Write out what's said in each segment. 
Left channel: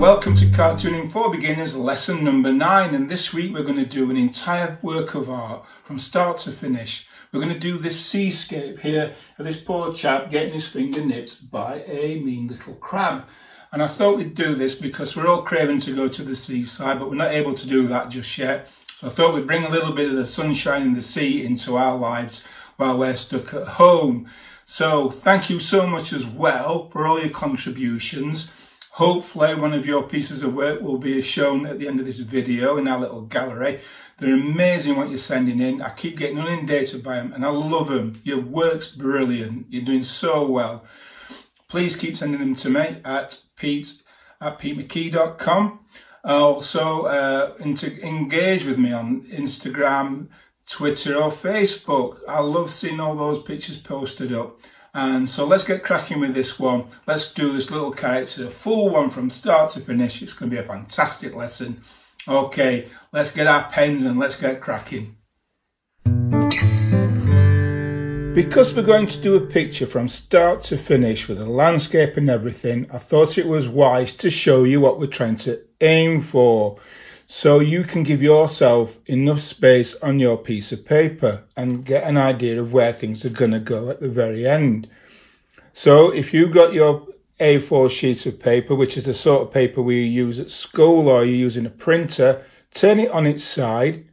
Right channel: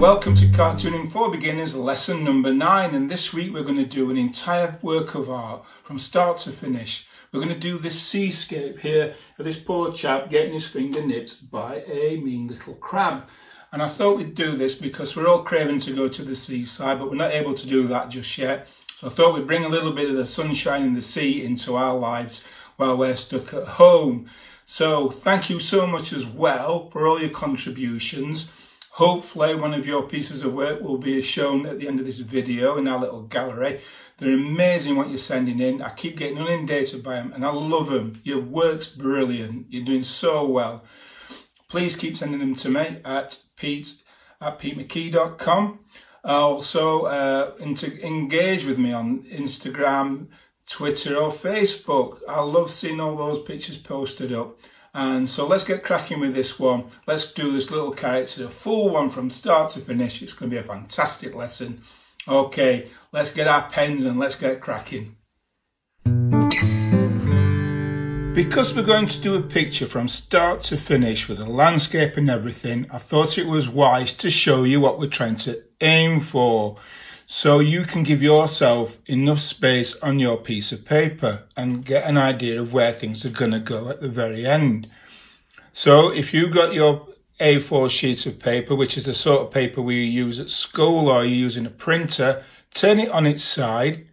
welcome to Cartooning for Beginners lesson number 9, and this week we're going to do an entire work of art from start to finish. We're going to do this seascape here of this poor chap getting his finger nipped by a mean little crab. And I thought we'd do this because we're all craving to go to the seaside, but we're not able to do that just yet. So I thought we'd bring a little bit of the sunshine and the sea into our lives while we're stuck at home. So thank you so much as well for all your contributions. Hopefully one of your pieces of work will be shown at the end of this video in our little gallery. They're amazing what you're sending in. I keep getting inundated by them and I love them. Your work's brilliant. You're doing so well. Please keep sending them to me at pete@petemckee.com. Also, engage with me on Instagram, Twitter or Facebook. I love seeing all those pictures posted up. And so let's get cracking with this one. Let's do this little character, a full one from start to finish. It's going to be a fantastic lesson. Okay, let's get our pens and let's get cracking. Because we're going to do a picture from start to finish with a landscape and everything, I thought it was wise to show you what we're trying to aim for, so you can give yourself enough space on your piece of paper and get an idea of where things are going to go at the very end. So if you've got your A4 sheets of paper, which is the sort of paper we use at school, or you're using a printer, turn it on its side,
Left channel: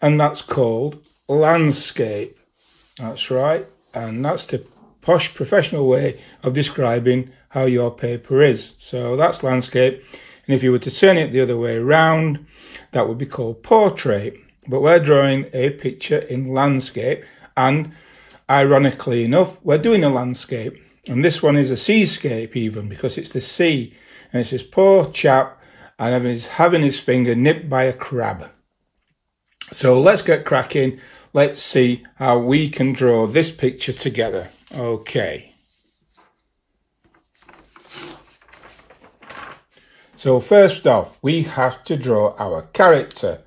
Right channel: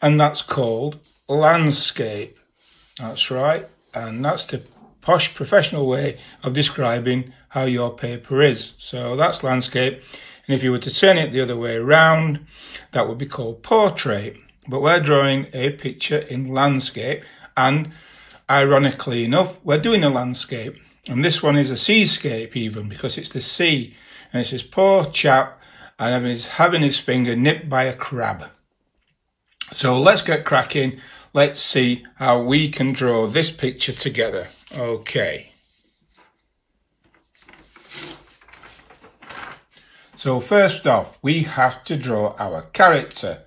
and that's called landscape. That's right, and that's the posh professional way of describing how your paper is. So that's landscape. And if you were to turn it the other way around, that would be called portrait. But we're drawing a picture in landscape, and ironically enough, we're doing a landscape. And this one is a seascape even, because it's the sea. And it's this poor chap and he's having his finger nipped by a crab. So let's get cracking. Let's see how we can draw this picture together. Okay. So first off, we have to draw our character.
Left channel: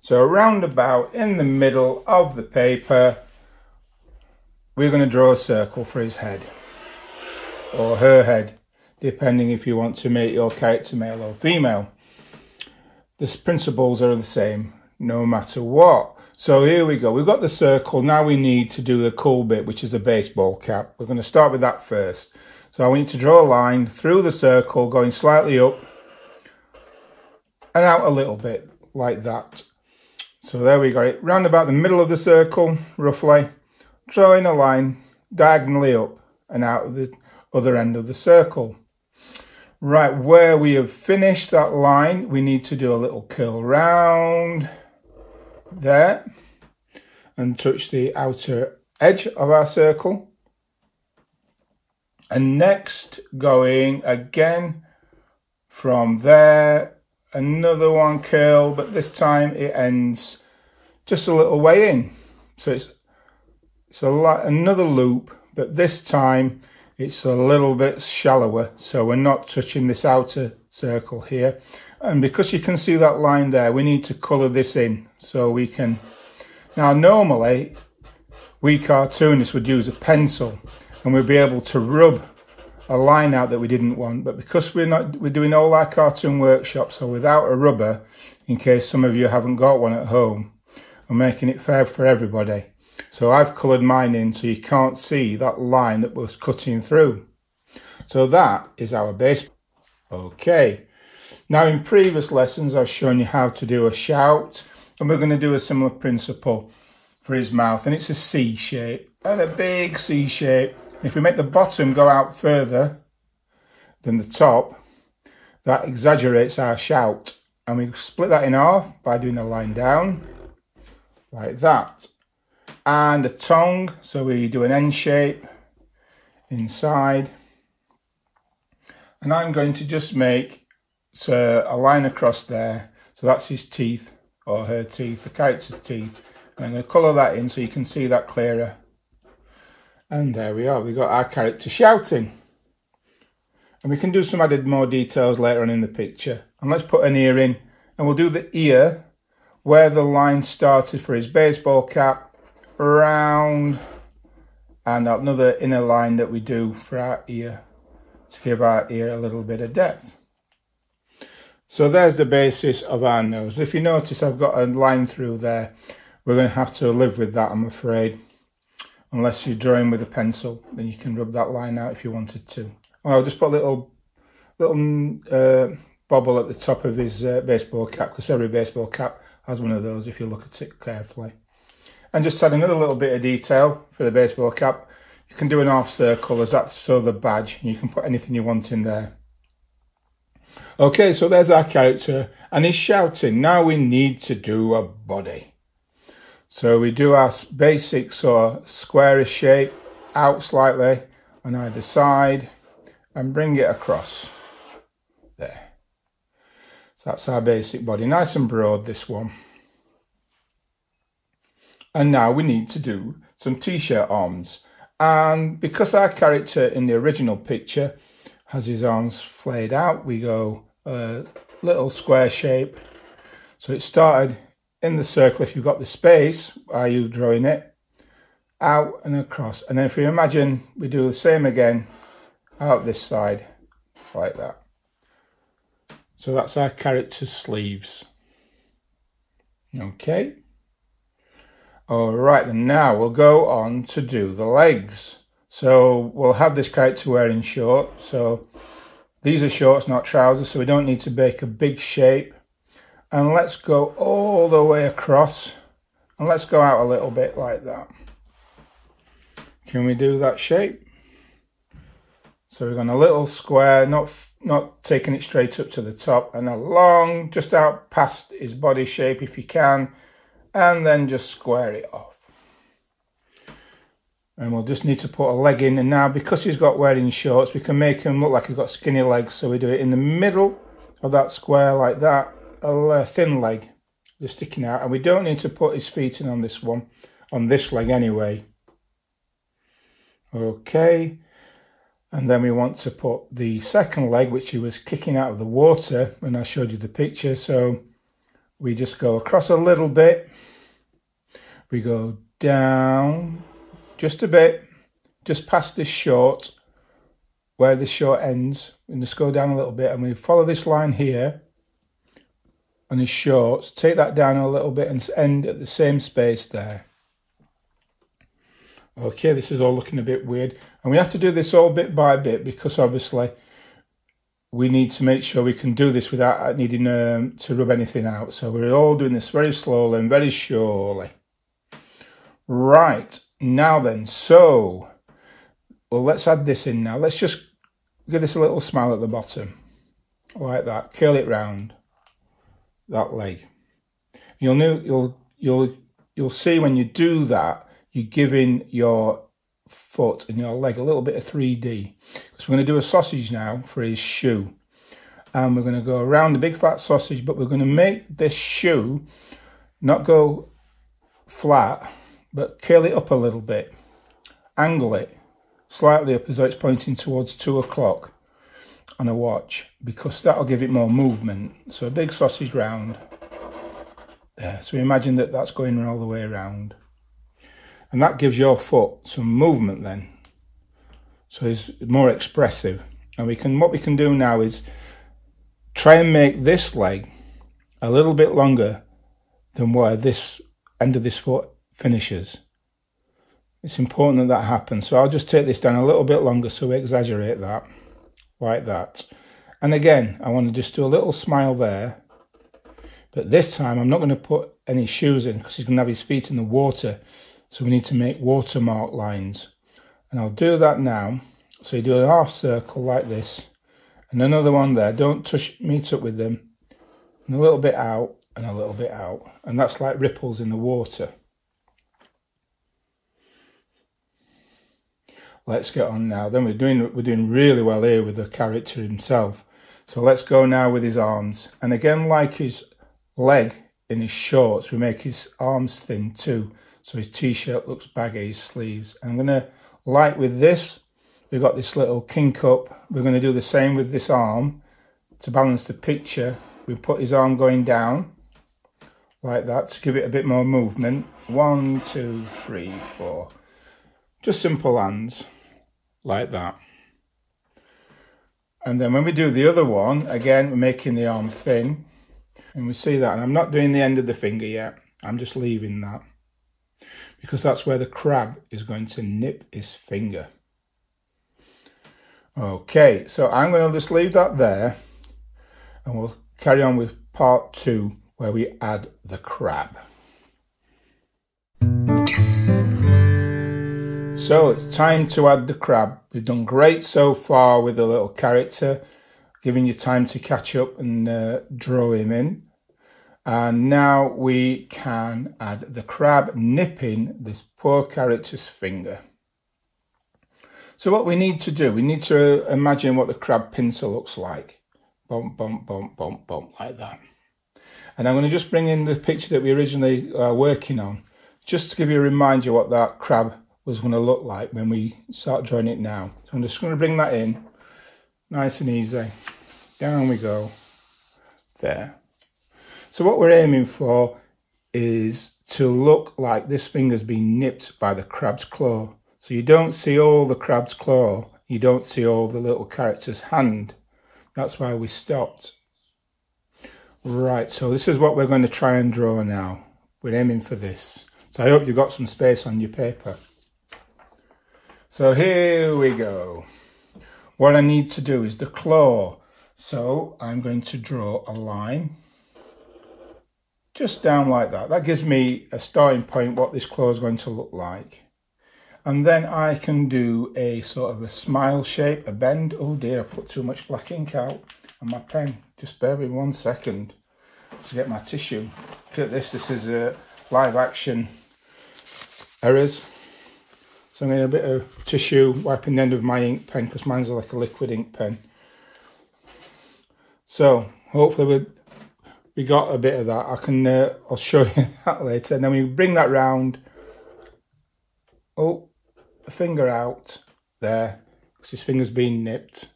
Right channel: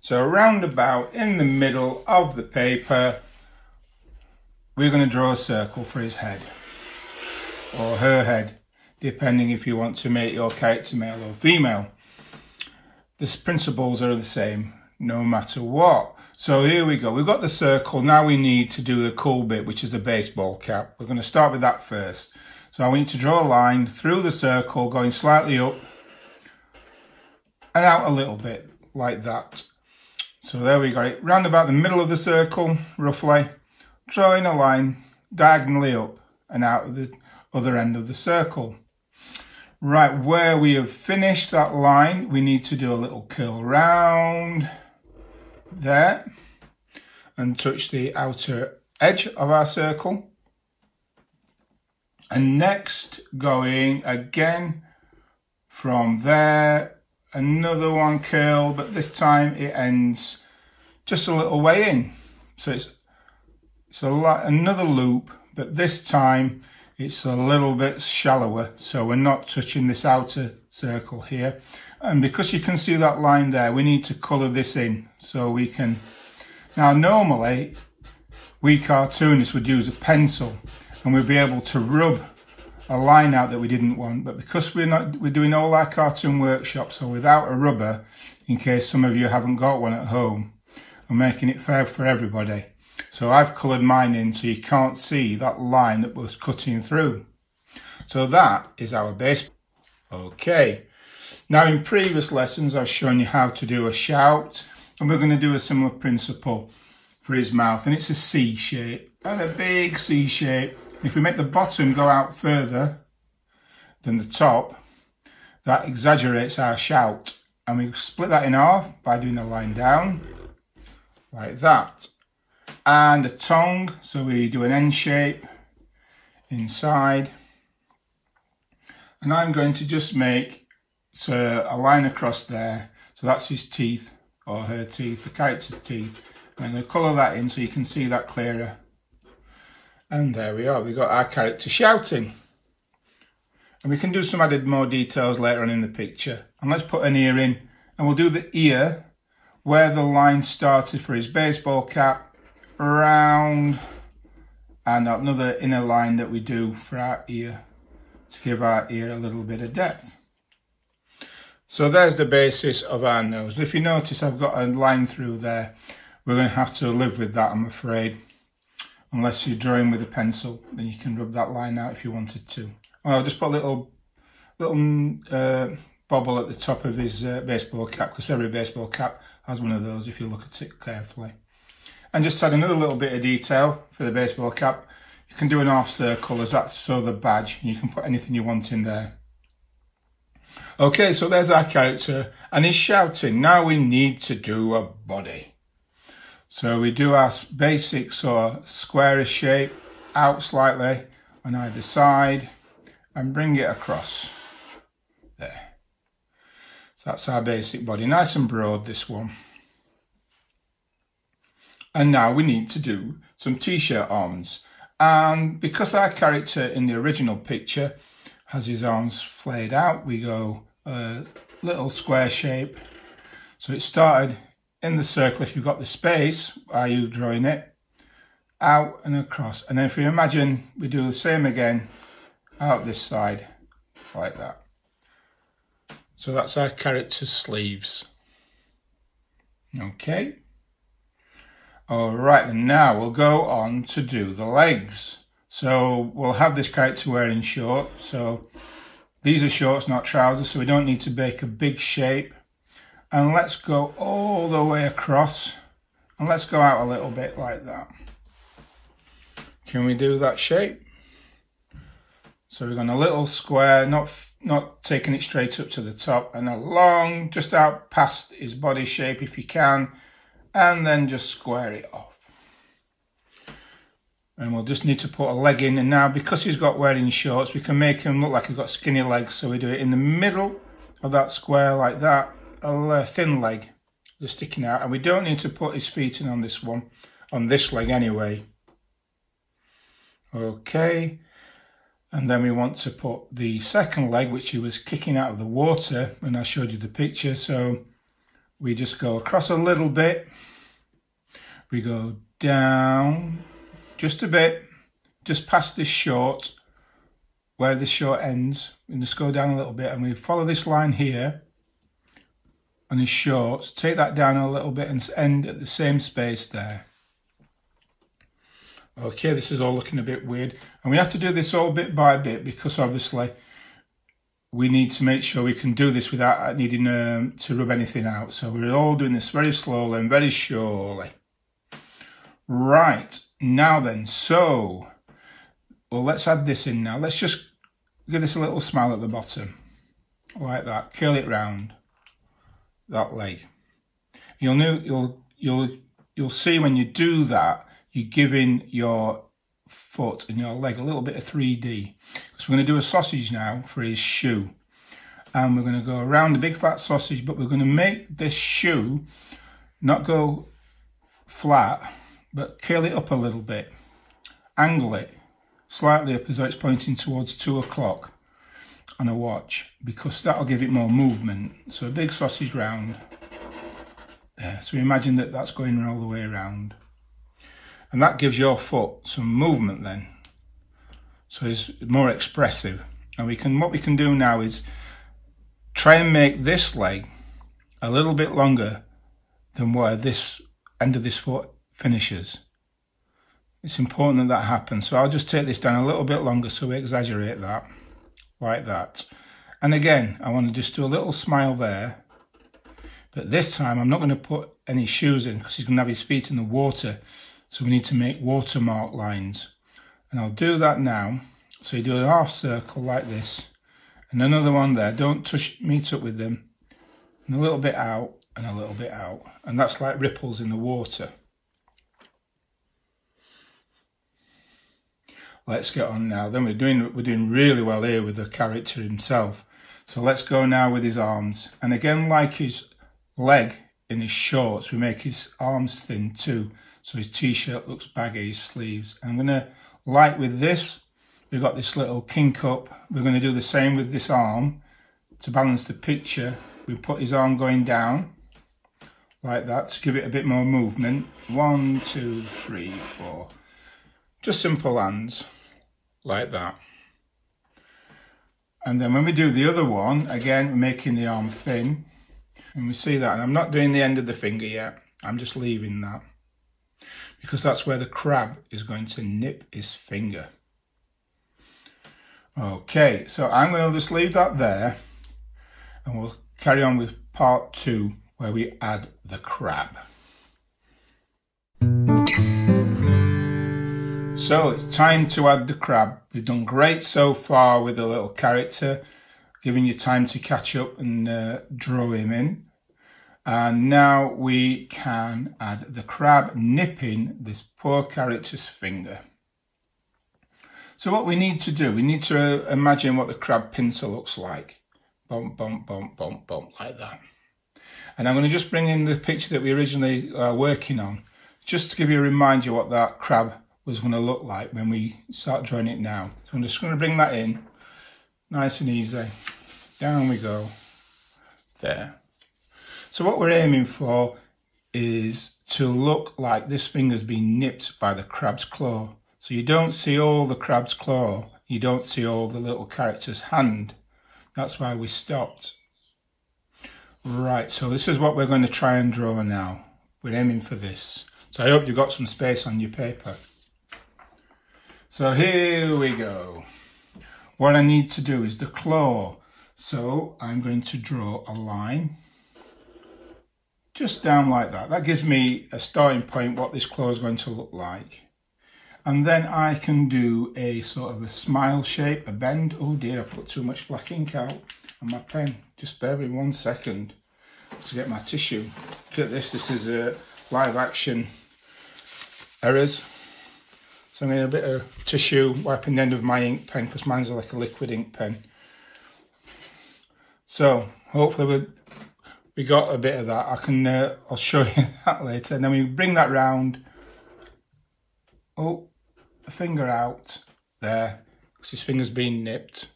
So around about in the middle of the paper, we're going to draw a circle for his head, or her head, depending if you want to make your character male or female. The principles are the same, no matter what. So here we go, we've got the circle, now we need to do the cool bit, which is the baseball cap. We're going to start with that first. So I want you to draw a line through the circle, going slightly up, and out a little bit, like that. So there we go, round about the middle of the circle, roughly, drawing a line diagonally up and out of the other end of the circle. Right, where we have finished that line, we need to do a little curl round there and touch the outer edge of our circle. And next, going again from there, another one curl, but this time it ends just a little way in. So it's another loop, but this time it's a little bit shallower. So we're not touching this outer circle here. And because you can see that line there, we need to colour this in so we can. Now normally we cartoonists would use a pencil and we'd be able to rub a line out that we didn't want, but because we're doing all our cartoon workshops so without a rubber, in case some of you haven't got one at home, I'm making it fair for everybody. So I've coloured mine in so you can't see that line that was cutting through. So that is our base. Okay, now in previous lessons I've shown you how to do a shout, and we're going to do a similar principle for his mouth, and it's a C shape, and a big C shape. If we make the bottom go out further than the top, that exaggerates our shout. And we split that in half by doing a line down, like that. And a tongue, so we do an N shape inside. And I'm going to just make a line across there. So that's his teeth, or her teeth, the character's teeth. And I'm going to colour that in so you can see that clearer. And there we are, we've got our character shouting. And we can do some added more details later on in the picture. And let's put an ear in, and we'll do the ear where the line started for his baseball cap, round, and another inner line that we do for our ear to give our ear a little bit of depth. So there's the basis of our nose. If you notice, I've got a line through there. We're going to have to live with that, I'm afraid. Unless you're drawing with a pencil, then you can rub that line out if you wanted to. Well, I'll just put a little bobble at the top of his baseball cap, because every baseball cap has one of those if you look at it carefully. And just add another little bit of detail for the baseball cap. You can do an half circle as that's so the badge, and you can put anything you want in there. Okay, so there's our character, and he's shouting. Now we need to do a body. So we do our basic sort of squarish shape out slightly on either side and bring it across there. So that's our basic body, nice and broad, this one. And now we need to do some t-shirt arms. And because our character in the original picture has his arms flayed out, we go a little square shape. So it started in the circle. If you've got the space, are you drawing it out and across? And then if you imagine, we do the same again out this side like that. So that's our character's sleeves. Okay. All right, and now we'll go on to do the legs. So we'll have this character wearing shorts. So these are shorts, not trousers, so we don't need to make a big shape. And let's go all the way across, and let's go out a little bit like that. Can we do that shape? So we're going a little square, not taking it straight up to the top, and along, just out past his body shape if you can, and then just square it off. And we'll just need to put a leg in, and now because he's got wearing shorts, we can make him look like he's got skinny legs. So we do it in the middle of that square like that, a thin leg just sticking out, and we don't need to put his feet in on this one, on this leg anyway. Okay, and then we want to put the second leg, which he was kicking out of the water when I showed you the picture. So we just go across a little bit, we go down just a bit, just past this short, where the short ends, and just go down a little bit, and we follow this line here on his shorts, take that down a little bit and end at the same space there. Okay, this is all looking a bit weird, and we have to do this all bit by bit because obviously we need to make sure we can do this without needing to rub anything out. So we're all doing this very slowly and very surely. Right, now then, so, well, let's add this in now. Let's just give this a little smile at the bottom, like that. Curl it round that leg. You'll see when you do that, you're giving your foot and your leg a little bit of 3D. So we're going to do a sausage now for his shoe. And we're going to go around the big fat sausage, but we're going to make this shoe not go flat, but curl it up a little bit. Angle it slightly up as though it's pointing towards 2 o'clock on a watch, because that'll give it more movement. So a big sausage round there. So imagine that that's going all the way around. And that gives your foot some movement then. So it's more expressive. And what we can do now is try and make this leg a little bit longer than where this end of this foot finishes. It's important that that happens. So I'll just take this down a little bit longer so we exaggerate that, like that. And again, I want to just do a little smile there. But this time I'm not going to put any shoes in because he's going to have his feet in the water. So we need to make watermark lines. And I'll do that now. So you do a half circle like this. And another one there. Don't meet up with them. And a little bit out and a little bit out. And that's like ripples in the water. Let's get on now. Then we're doing really well here with the character himself. So let's go now with his arms. And again, like his leg in his shorts, we make his arms thin too. So his t-shirt looks baggy, his sleeves. And I'm going to, like with this, we've got this little kink up. We're going to do the same with this arm. To balance the picture, we put his arm going down, like that, to give it a bit more movement. 1, 2, 3, 4. Just simple hands, like that. And then when we do the other one, again, we're making the arm thin. And we see that. And I'm not doing the end of the finger yet. I'm just leaving that. Because that's where the crab is going to nip his finger. Okay, so I'm going to just leave that there. And we'll carry on with part 2, where we add the crab. So it's time to add the crab. We've done great so far with the little character, giving you time to catch up and draw him in. And now we can add the crab nipping this poor character's finger. So what we need to do, we need to imagine what the crab pincer looks like. Bump, bump, bump, bump, bump, like that. And I'm going to just bring in the picture that we originally were working on, just to give you a reminder what that crab was going to look like when we start drawing it now. So I'm just going to bring that in, nice and easy. Down we go, there. So what we're aiming for is to look like this finger's been nipped by the crab's claw. So you don't see all the crab's claw, you don't see all the little character's hand. That's why we stopped. Right, so this is what we're going to try and draw now. We're aiming for this. So I hope you've got some space on your paper. So here we go. What I need to do is the claw. So I'm going to draw a line just down like that. That gives me a starting point what this claw is going to look like. And then I can do a sort of a smile shape, a bend. Oh dear, I put too much black ink out on my pen. Just bear with me 1 second to get my tissue. Look at this, this is a live action errors. So I need a bit of tissue wiping the end of my ink pen because mine's like a liquid ink pen. So hopefully we got a bit of that. I can I'll show you that later. And then we bring that round. Oh, the finger out there because his finger's been nipped.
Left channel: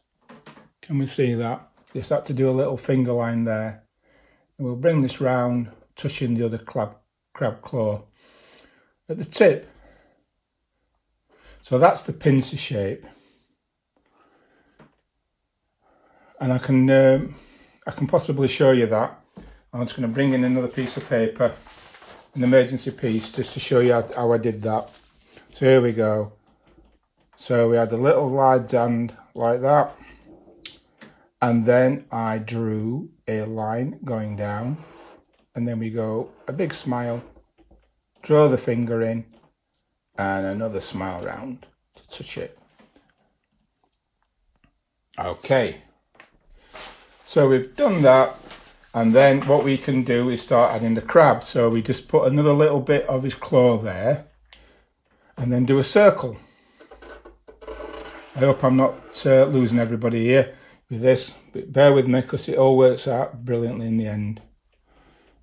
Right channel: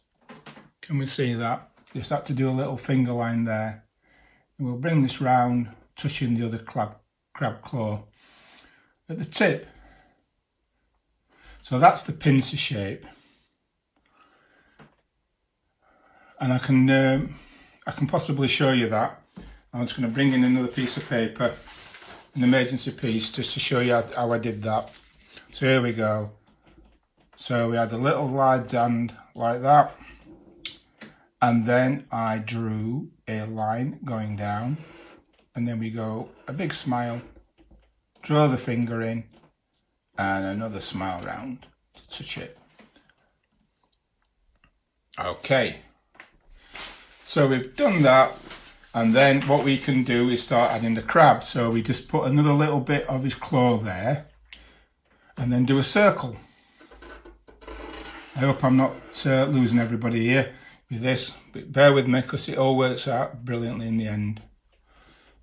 Can we see that? Just have to do a little finger line there. And we'll bring this round, touching the other crab claw at the tip. So that's the pincer shape, and I can possibly show you that. I'm just going to bring in another piece of paper, an emergency piece, just to show you how I did that. So here we go. So we had a little wide hand like that, and then I drew a line going down, and then we go a big smile, draw the finger in, and another smile round to touch it. Okay, so we've done that, and then what we can do is start adding the crab. So we just put another little bit of his claw there, and then do a circle. I hope I'm not losing everybody here with this, but bear with me because it all works out brilliantly in the end.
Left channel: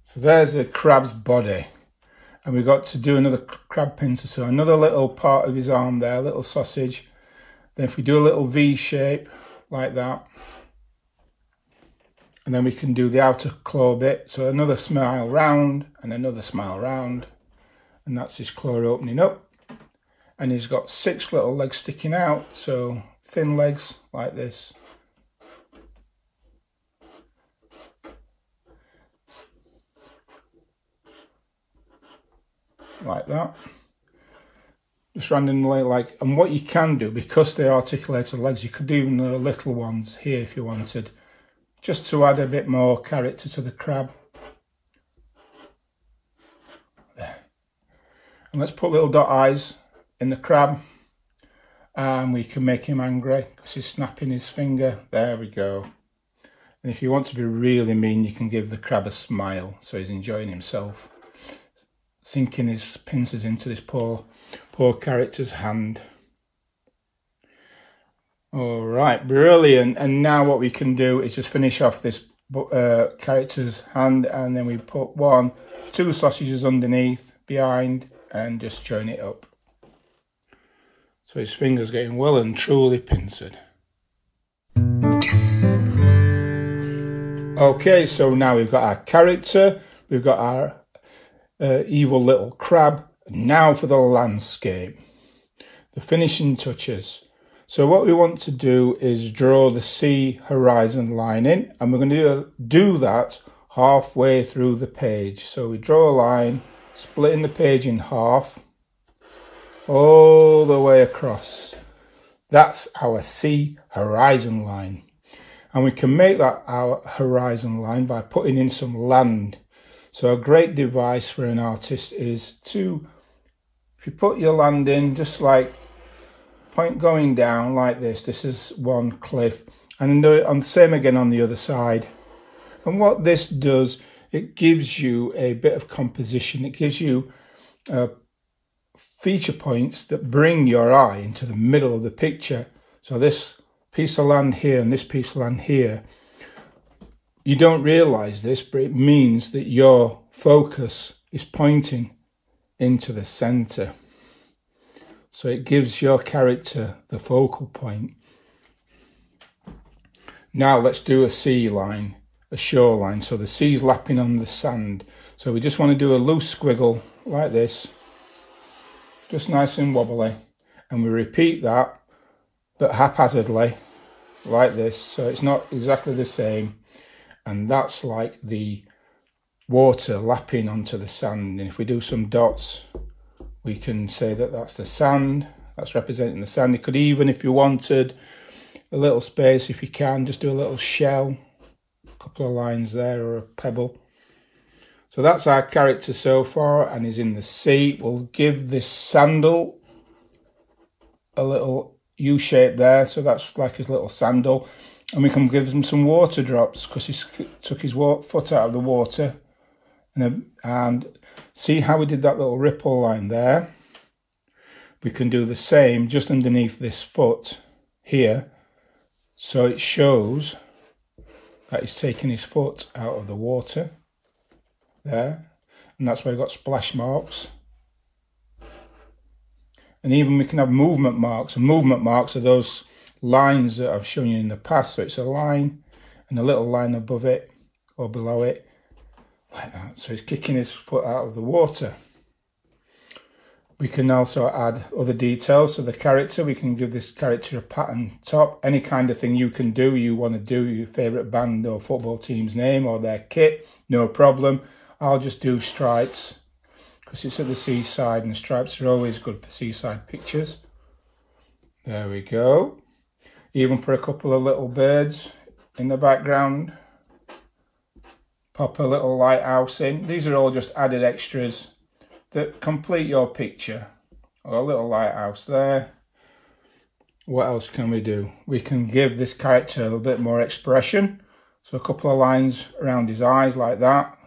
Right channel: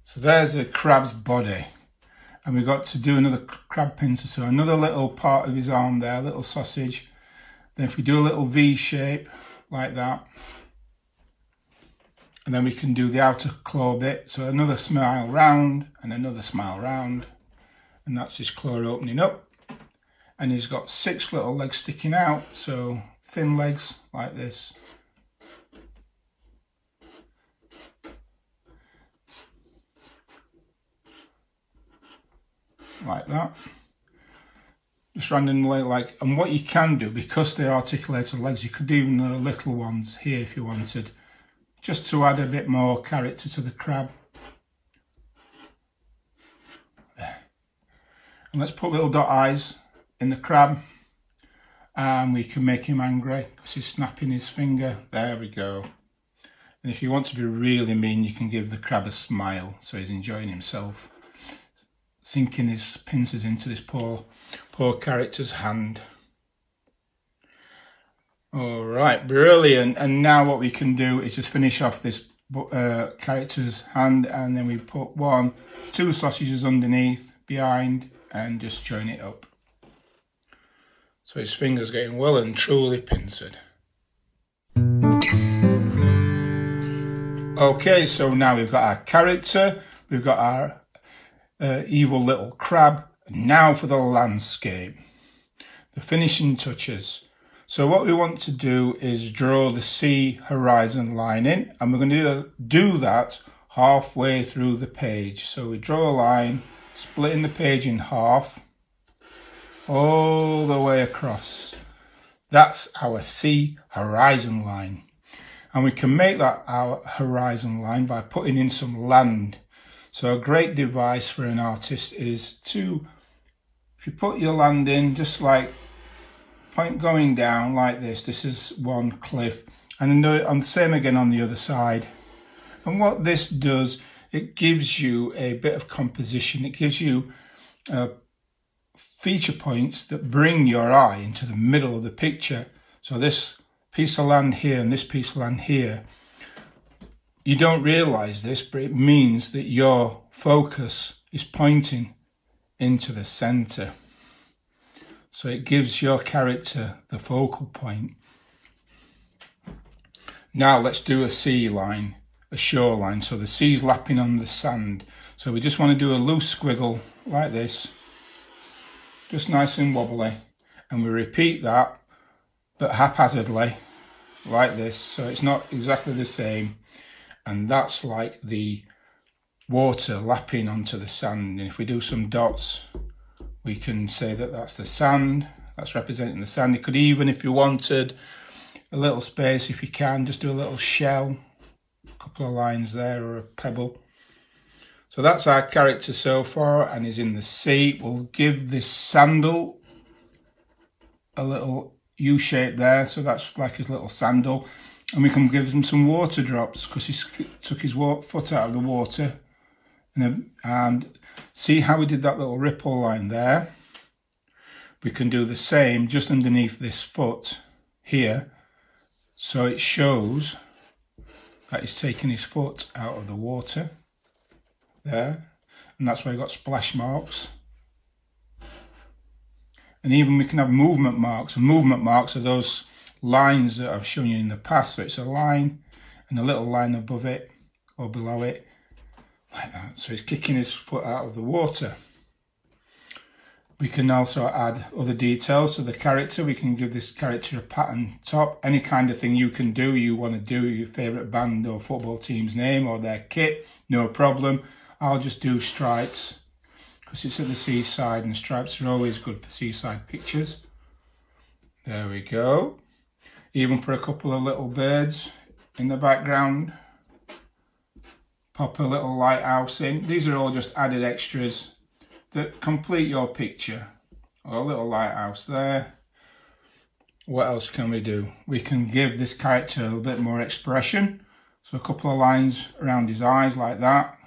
So there's a crab's body. And we've got to do another crab pincer, so another little part of his arm there, a little sausage. Then if we do a little V shape like that, and then we can do the outer claw bit. So another smile round and another smile round, and that's his claw opening up. And he's got 6 little legs sticking out, so thin legs like this. Like that, just randomly, like, and what you can do, because they're articulated legs, you could do even the little ones here if you wanted, just to add a bit more character to the crab. There. And let's put little dot eyes in the crab, and we can make him angry because he's snapping his finger. There we go. And if you want to be really mean, you can give the crab a smile so he's enjoying himself, sinking his pincers into this poor character's hand. All right, brilliant. And now what we can do is just finish off this character's hand, and then we put 1, 2 sausages underneath, behind, and just join it up. So his finger's getting well and truly pincered. Okay, so now we've got our character, we've got our evil little crab. Now for the landscape, the finishing touches. So what we want to do is draw the sea horizon line in, and we're going to do that halfway through the page. So we draw a line, splitting the page in half, all the way across. That's our sea horizon line. And we can make that our horizon line by putting in some land. So a great device for an artist is to, if you put your land in, just like point going down like this. This is one cliff, and then do it on the same again on the other side. And what this does, it gives you a bit of composition. It gives you feature points that bring your eye into the middle of the picture. So this piece of land here and this piece of land here, you don't realize this, but it means that your focus is pointing into the center. So it gives your character the focal point. Now let's do a sea line, a shoreline. So the sea's lapping on the sand. So we just want to do a loose squiggle like this, just nice and wobbly. And we repeat that, but haphazardly, like this. So it's not exactly the same. And that's like the water lapping onto the sand. And if we do some dots, we can say that that's the sand. That's representing the sand. You could even, if you wanted a little space, if you can, just do a little shell, a couple of lines there, or a pebble. So that's our character so far, and he's in the sea. We'll give this sandal a little U shape there, so that's like his little sandal. And we can give him some water drops because he took his foot out of the water. And see how we did that little ripple line there? We can do the same just underneath this foot here. So it shows that he's taken his foot out of the water there. And that's where we've got splash marks. And even we can have movement marks. And movement marks are those lines that I've shown you in the past. So it's a line and a little line above it or below it. Like that. So he's kicking his foot out of the water. We can also add other details to the character. We can give this character a pattern top. Any kind of thing you can do, you want to do your favourite band or football team's name or their kit, no problem. I'll just do stripes because it's at the seaside and the stripes are always good for seaside pictures. There we go. Even put a couple of little birds in the background. Pop a little lighthouse in. These are all just added extras that complete your picture. Or a little lighthouse there. What else can we do? We can give this character a little bit more expression. So a couple of lines around his eyes like that.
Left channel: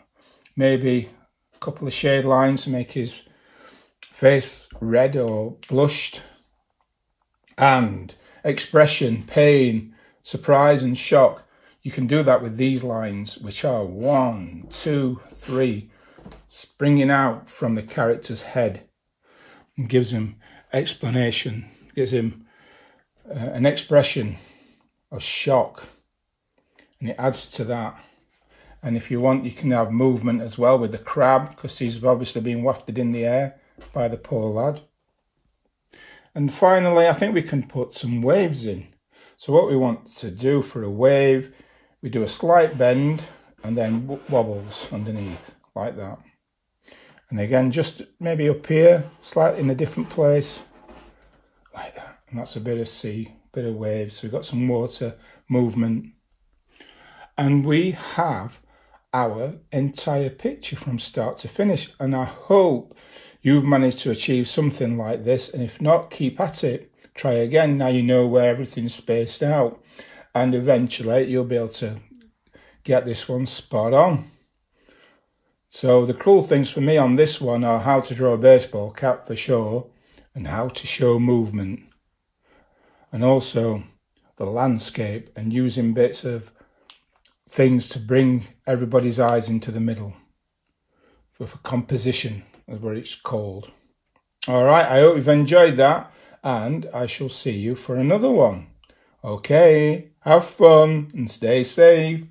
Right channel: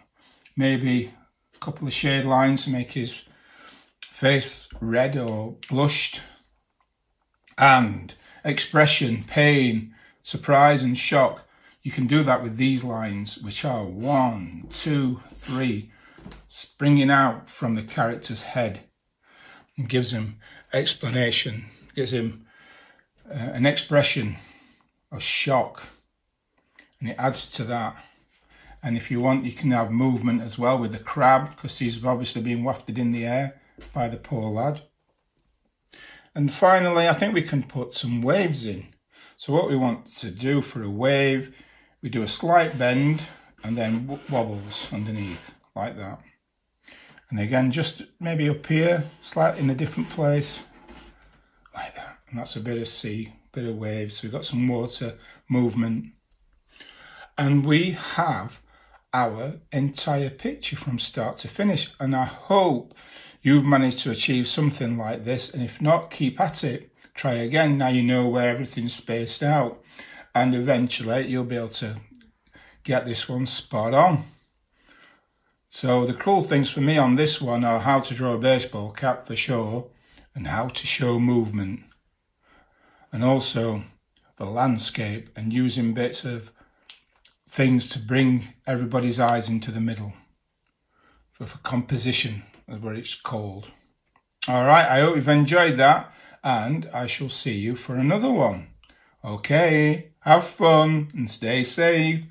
Maybe a couple of shade lines to make his face red or blushed. And expression, pain, surprise and shock. You can do that with these lines, which are 1, 2, 3, springing out from the character's head, and gives him explanation, gives him an expression of shock, and it adds to that. And if you want, you can have movement as well with the crab, because he's obviously being wafted in the air by the poor lad. And finally, I think we can put some waves in. So what we want to do for a wave, we do a slight bend and then wobbles underneath, like that. And again, just maybe up here, slightly in a different place, like that. And that's a bit of sea, bit of waves. So we've got some water movement. And we have our entire picture from start to finish. And I hope you've managed to achieve something like this. And if not, keep at it. Try again. Now you know where everything's spaced out. And eventually you'll be able to get this one spot on. So the cool things for me on this one are how to draw a baseball cap for sure, and how to show movement. And also the landscape and using bits of things to bring everybody's eyes into the middle. For composition is what it's called. All right, I hope you've enjoyed that, and I shall see you for another one. Okay, have fun and stay safe.